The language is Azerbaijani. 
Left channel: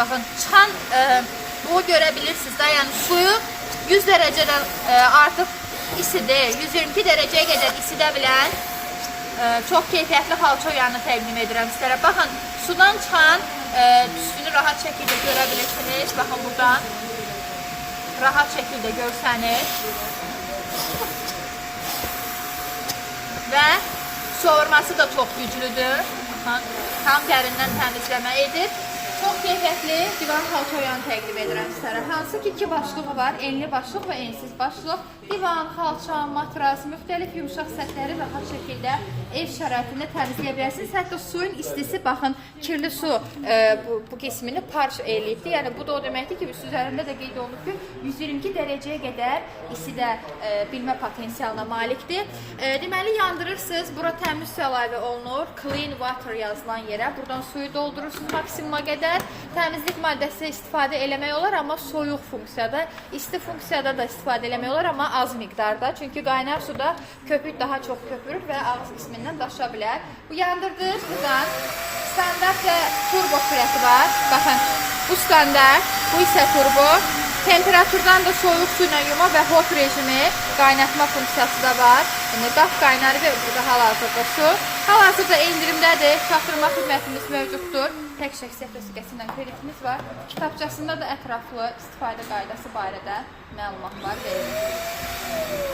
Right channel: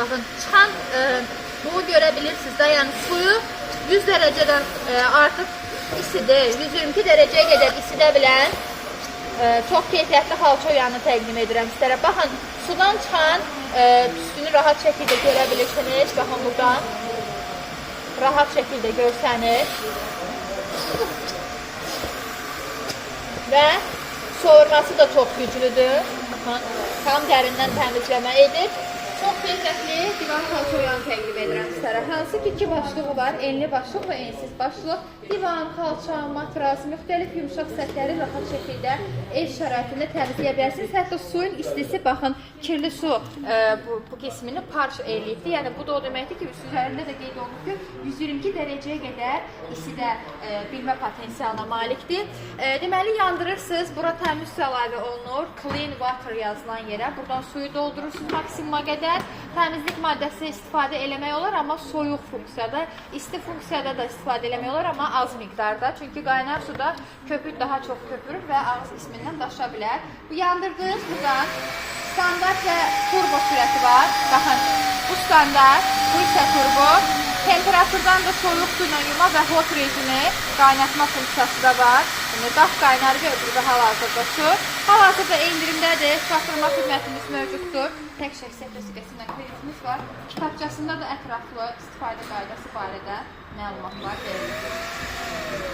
Baxın, çan bunu görə bilirsiniz də, yəni suyu 100 dərəcədən artıq isidir, 122 dərəcəyə qədər isidə bilən çox keyfiyyətli xalça oyanı təqdim edirəm sizlərə. Baxın, sudan çıxan tüstünü rahat şəkildə görə bilirsiniz. Baxın, buradan rahat şəkildə görsəniz. Və soğurması da çox güclüdür. Baxın, tam dərindən təmizləmə edir. Çox keyfiyyətli divan xalça oyanı təqdim edirəm sizlərə. Hansı ki, iki başlığı var, enli başlıq və ensiz başlıq. Divan, xalça, matras, müxtəlif yumuşaq səthləri rahat şəkildə ev şəraitində təmizləyə bilərsiniz. Hətta suyun istisi, baxın, kirli su bu qismini parç eləyibdir. Yəni, bu da o deməkdir ki, üzərində də qeyd olunub ki, 122 dərəcəyə qədər isidə bilmə potensialına malikdir. Deməli, yandırırsınız, bura təmiz su əlavə olunur. Clean water yazılan yerə. Buradan suyu doldurursunuz maksimuma qədər. Təmizlik maddəsi istifadə eləmək olar, amma soyuq funksiyada, isti funksiyada da istifadə eləmək olar, amma az miqdarda. Çünki qaynar suda köpük daha çox köpürür və ağız qismindən daşa bilər. Bu yandırdığınız buradan standart və turbo sürəti var. Baxın, bu standart, bu isə turbo. Temperaturdan da soyuq su ilə yuma və hot rejimi qaynatma funksiyası da var. Yəni, daf qaynarı və öbürdə hal-hazırda su. Hal-hazırda endirimdədir, çatdırma xidmətimiz mövcuddur. Tək şəxsiyyət vəsiqəsindən kreditimiz var. Kitabçasında da ətraflı istifadə qaydası barədə məlumatlar verilir.